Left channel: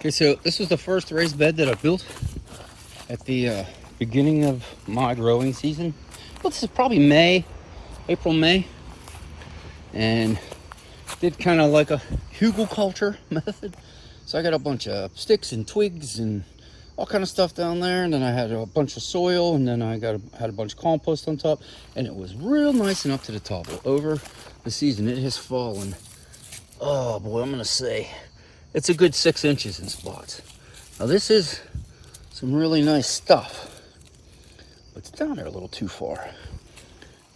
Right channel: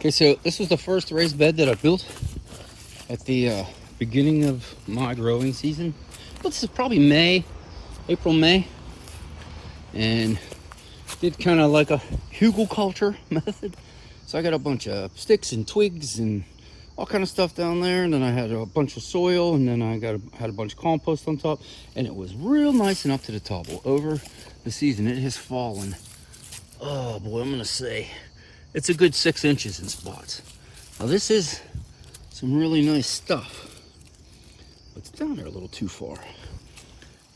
Okay, so this was the first raised bed that I built at the beginning of my growing season. But this is probably May, April, May. And did kind of like a hugelkultur method. So I got a bunch of sticks and twigs and all kind of stuff down there. And then I had a bunch of soil, and then I had a bunch of compost on top. And it was real nice and up to the top. Well, over the season, it has fallen. Oh boy, I'm gonna say it's a good 6 inches in spots. Now this is some really nice stuff. It's down there a little too far.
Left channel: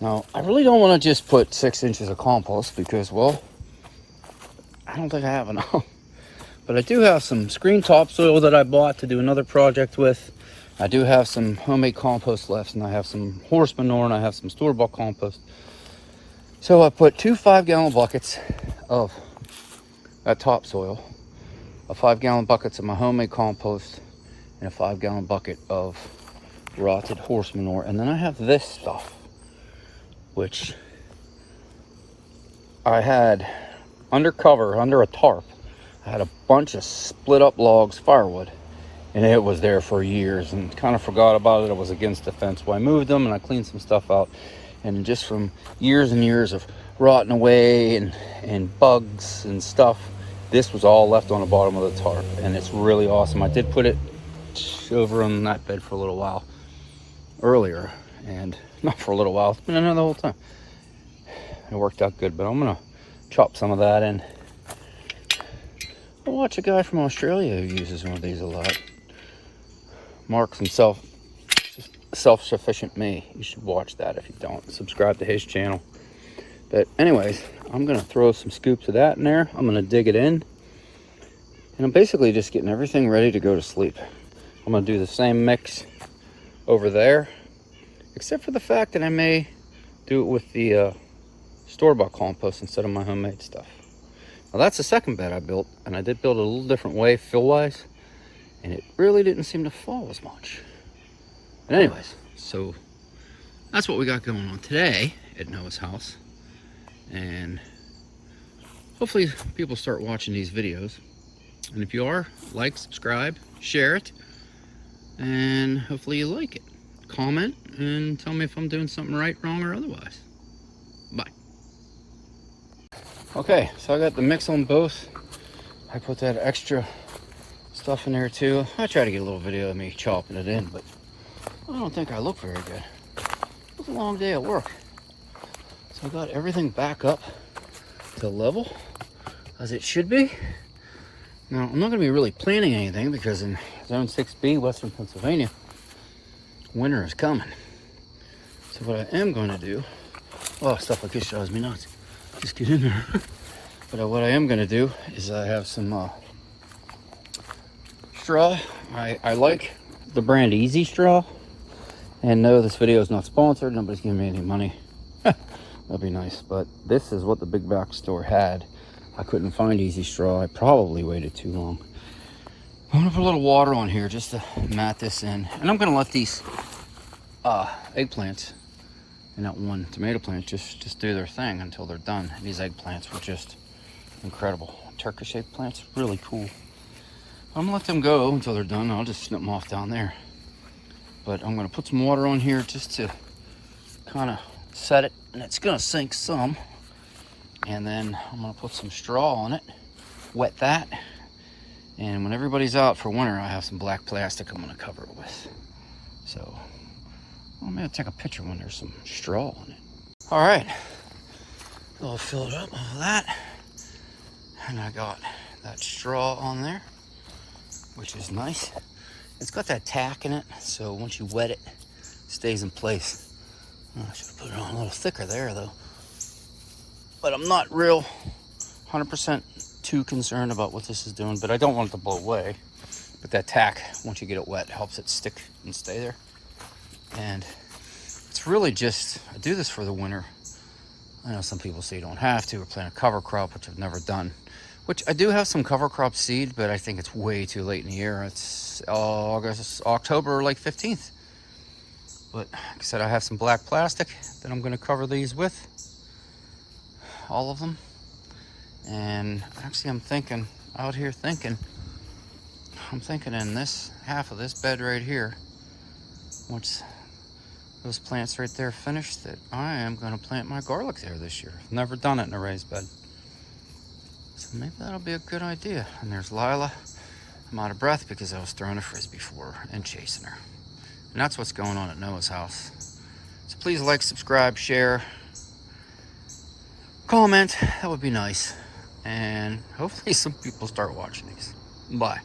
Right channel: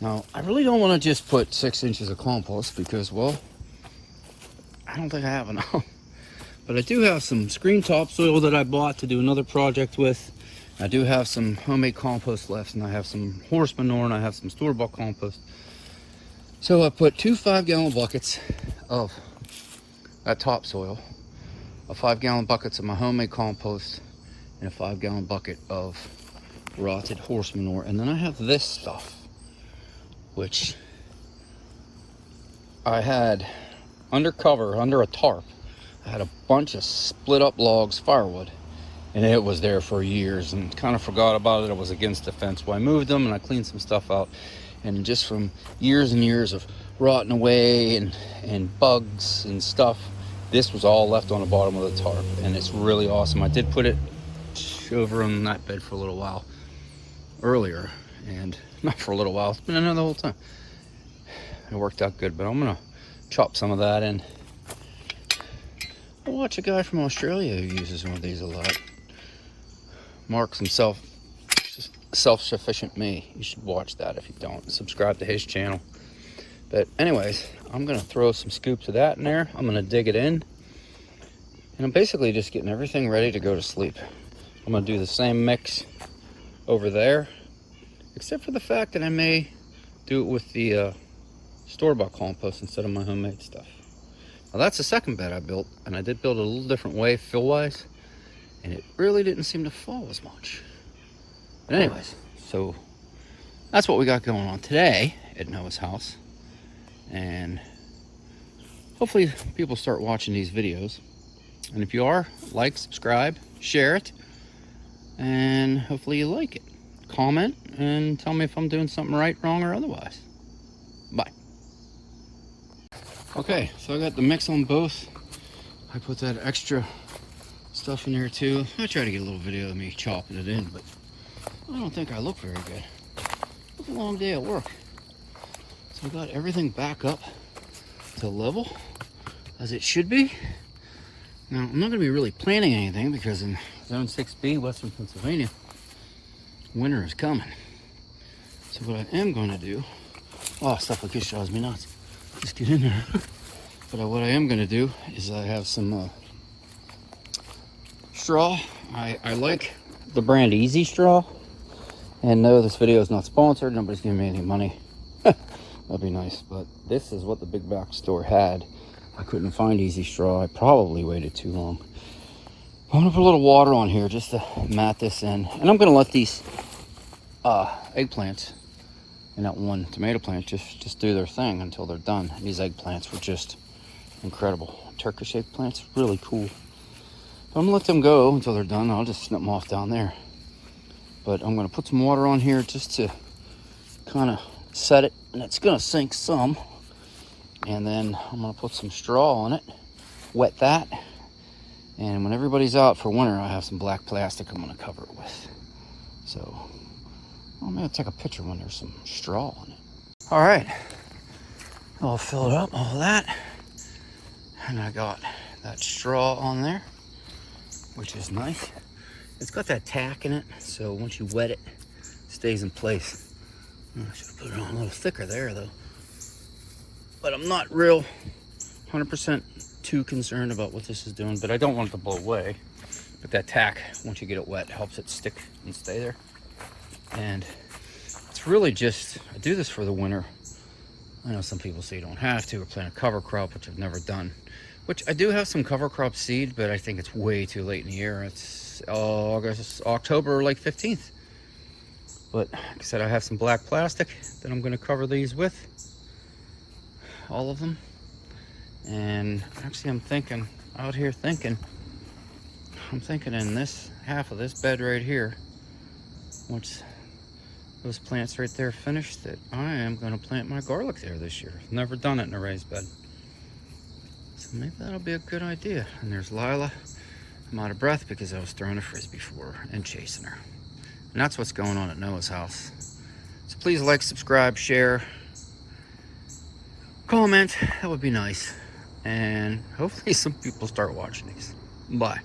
Now, I really don't want to just put 6 inches of compost because, well, I don't think I have enough. But I do have some screen topsoil that I bought to do another project with. I do have some homemade compost left, and I have some horse manure, and I have some store-bought compost. So I put 2 5-gallon buckets of that topsoil, a 5-gallon buckets of my homemade compost, and a 5-gallon bucket of rotted horse manure. And then I have this stuff, which I had undercover, under a tarp. I had a bunch of split up logs, firewood, and it was there for years and kind of forgot about it. It was against the fence. Well, I moved them and I cleaned some stuff out. And just from years and years of rotting away and bugs and stuff, this was all left on the bottom of the tarp, and it's really awesome. I did put it over on that bed for a little while earlier, and not for a little while, it's been in there the whole time. It worked out good, but I'm gonna chop some of that in. I watch a guy from Australia who uses one of these a lot. Marks himself self-sufficient me. You should watch that if you don't. Subscribe to his channel. But anyways, I'm gonna throw some scoops of that in there. I'm gonna dig it in, and I'm basically just getting everything ready to go to sleep. I'm gonna do the same mix over there, except for the fact that I may do it with the store-bought compost instead of my homemade stuff. Now that's the second bed I built, and I did build it a little different way fill-wise, and it really didn't seem to fall as much. But anyways, so that's what we got going on today at Noah's house. And hopefully people start watching these videos. And if you are, like, subscribe, share it, and hopefully you like it. Comment and tell me if I'm doing something right, wrong, or otherwise. Bye. Okay, so I got the mix on both. I put that extra stuff in there too. I try to get a little video of me chopping it in, but I don't think I look very good. It was a long day at work. So I got everything back up to level as it should be. Now, I'm not going to be really planting anything because in Zone 6B, Western Pennsylvania, winter is coming. So what I am going to do, oh, stuff like this drives me nuts. Just get in there. But what I am going to do is I have some straw. I like the brand Easy Straw. And no, this video is not sponsored. Nobody's giving me any money. That'd be nice. But this is what the big box store had. I couldn't find Easy Straw. I probably waited too long. I'm gonna put a little water on here just to mat this in. And I'm gonna let these eggplants and that one tomato plant just do their thing until they're done. And these eggplants were just incredible. Turkish eggplants, really cool. I'm gonna let them go until they're done. I'll just snip them off down there. But I'm gonna put some water on here just to kind of set it, and it's gonna sink some. And then I'm gonna put some straw on it, wet that, and when everybody's out for winter, I have some black plastic I'm gonna cover it with. So I'm gonna take a picture when there's some straw on it. All right, I'll fill it up, all that, and I got that straw on there, which is nice. It's got that tack in it, so once you wet it, it stays in place. I should have put it on a little thicker there though. But I'm not real 100% too concerned about what this is doing, but I don't want it to blow away. But that tack, once you get it wet, helps it stick and stay there. And it's really just, I do this for the winter. I know some people say you don't have to, or plant a cover crop, which I've never done. Which I do have some cover crop seed, but I think it's way too late in the year. It's October, like 15th. But like I said, I have some black plastic that I'm going to cover these with. All of them. And actually I'm thinking, out here thinking, I'm thinking in this half of this bed right here, once those plants right there finish, that I am going to plant my garlic there this year. I've never done it in a raised bed. So maybe that'll be a good idea. And there's Lila. I'm out of breath because I was throwing a frisbee for her and chasing her. And that's what's going on at Noah's house. So please like, subscribe, share, comment. That would be nice. And hopefully some people start watching these. Bye.